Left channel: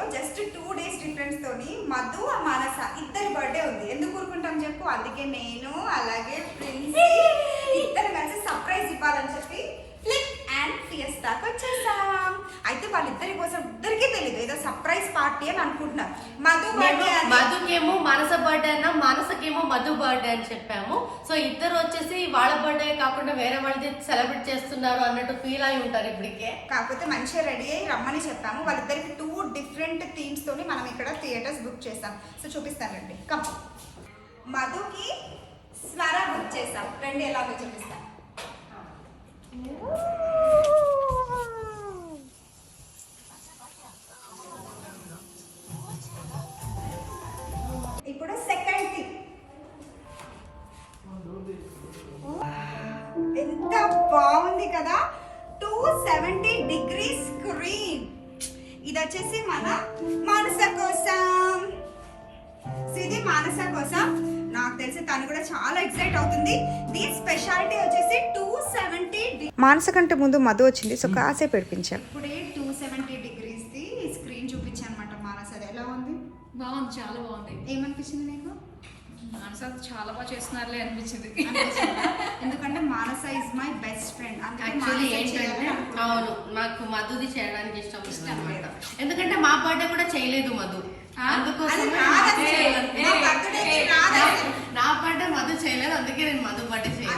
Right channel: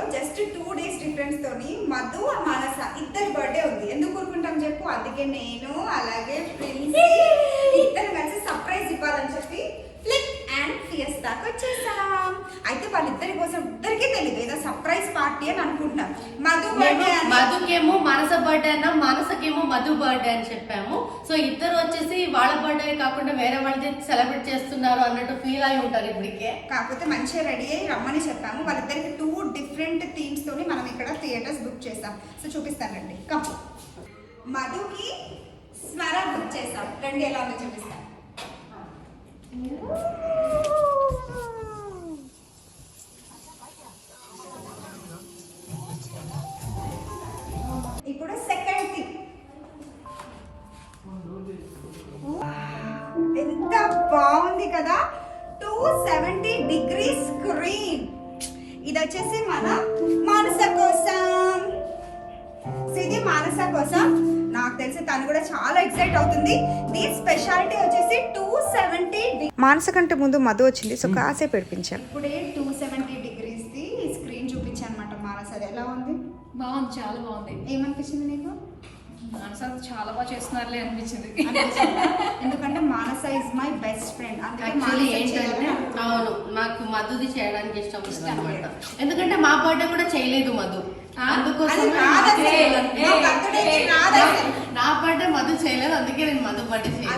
వీడియోలో just 2 days difference తోని మధు మానస ఇద్దరి బర్త్డే ఉంది. ఎందుకు ఊరుకుంటాం చెప్పు? అందుకే నేను అలాగే ప్రిన్స్ ఇద్దరు కలిసి సర్ప్రైజ్ ఇవ్వాలని చెప్పి ఫ్లిక్ అండ్ ఫియస్టాకి వచ్చేసాం. అయితే వాళ్ళిద్దరి కోసం ఇద్దరికీ తెలియదు, ఏదో సర్ప్రైజ్ పార్టీ అని అనుకుంటున్నాం. మధుకేమో మానస బర్త్డే అన్నా, మానసకేమో మధు బర్త్డే అని చెప్పాము. సో ఇద్దరు వచ్చేసి వాళ్ళ బర్త్డే కాకుండా వేరే వాళ్ళది సెలబ్రేట్ చేస్తున్నారు అన్నట్టు ఫీల్ అయి ఉంటారు ఇప్పటికే. కాకపోతే మంచిగా రెడీ అయ్యి రమ్మని చెప్పాము. వాళ్ళిద్దరికి 2 different థీమ్స్ తోని మనం ఇక్కడ థియేటర్స్ బుక్ చేస్తాం. సో చూపిస్తానండి. కమ్. మధుకి స్వర బుక్ చేస్తాం. రండి ఎలాగో చూపిస్తాం. ఇప్పుడు సెకండ్ థీమ్. ఎంత బాగుంది కదా, 270 degrees స్క్రీన్. ఇది వచ్చేసి మన మానస కోసం. ఇది మానస కోసం. నాకు తెలిసి తను కూడా చాలా ఎక్సైట్ అవుతుంది. దీని స్పెషాలిటీ వచ్చేసి 270. మానస కంటే ముందు మధు వచ్చింది, సో కాసేపు పెడిపించాను. ఇప్పుడే 270 degrees ది స్క్రీన్ చూపించాను అనమాట. మానస అది ఎలా ఉంది? బాగుంది, చాలా బాగుంది. ఏమనిపించింది నీకు? మానస చాలా బాగా చేస్తున్నారులే అనిపించింది. ఎందుకంటే Manasa is my best friend. Actually ఏంటంటే అవును, నాకు మధుది చేయడానికి ఇష్టం అనమాట. ఎందుకంటే మా బర్త్డే కూడా చేయలేదు మధు, అందుకోసం నా బర్త్డే మధు చేయలేదు, అందుకే నేను మధు బర్త్డే చేయలేదు.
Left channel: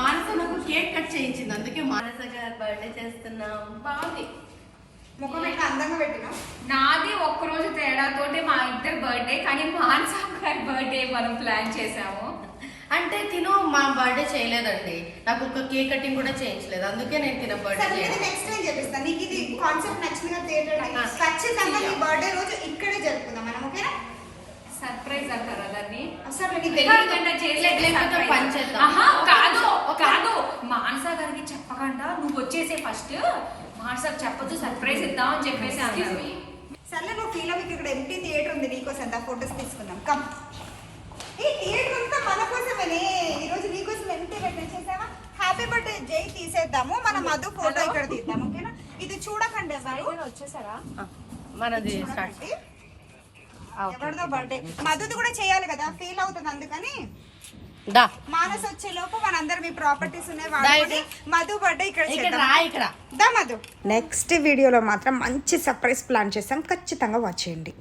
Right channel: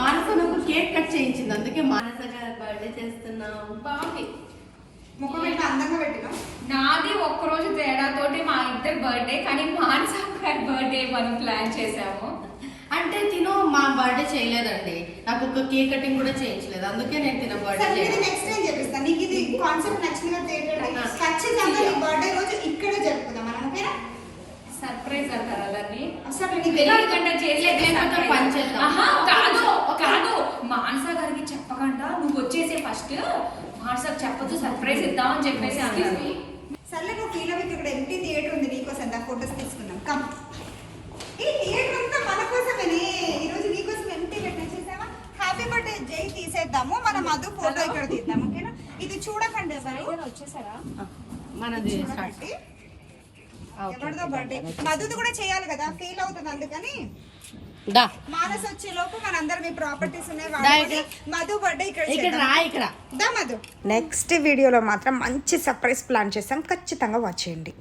మానస నాకు కేక్ కట్ చేయించింది, అందుకే మానస బర్త్డే చేస్తున్నాం. బాగుంది. ముఖం పెట్టిన అందంగా పెట్టినా. నాది ఒక్కరోజు తేడాతోటి మా ఇద్దరు బర్త్డే, కానీ మానస బర్త్డే మనం ప్లాన్ చేసాము. అంటే తిను మా బర్త్డే చేయలేదండి, నాకు ఒక కేక్ కటింగ్ కూడా చేయించలేదు, అందుకే నేను తిన బర్త్డే నెక్స్ట్ టైం చెప్పిస్తాను. నీకు ఇది కాన్సెప్ట్ నచ్చిందిగా ఖచ్చితంగా నీ బర్త్డే రోజు ఇక్కడే జరుపుకుందాం మనం, ఓకేనా? సర్ప్రైజ్ అంటారు అలాని. అసలు కాదు, మానస గారికి చెప్పకుండా నువ్వు వచ్చేసే ఫస్ట్, మానసకు చెప్పొద్దు, సర్ప్రైజ్ ఇద్దామని చెప్పేసి అన్నాను. సర్లే నువ్వు ఫీల్ అవ్వకి, ఇక్కడ ఎంటీ థియేటర్ ఉంది నీకోసం, ఫోటోస్ తీసుకున్నాం. కమ్. ఈ థియేటర్ అంతా మన కోసమేనే, ఈ రోజు నీకోసం ఎంటీ పెట్టిన చేసావా? హ్యాపీ బర్త్డే జై తీసేద్దాము, మన మధు ఫోటో ఇక్కడ తీద్దాం, ఓకేనా? ఇది చూడకండి వచ్చేసారా మనది ఎవరిదో బర్త్డే, మధుది కూడా చేయాలి కదా, ఫీల్ అవుతుంది. అందుకని మానస్ వచ్చే లోపు మనందరం మీ ప్రాపర్టీస్ ఉన్నాయి వాడుకొని మధు బర్త్డే ఇక్కడ చేద్దాం. మధు నెక్స్ట్ వీడియోలో మాత్రం మంచి సర్ప్రైజ్ ప్లాన్ చేస్తాం, ఖచ్చితంగా వాచ్ చేయండి.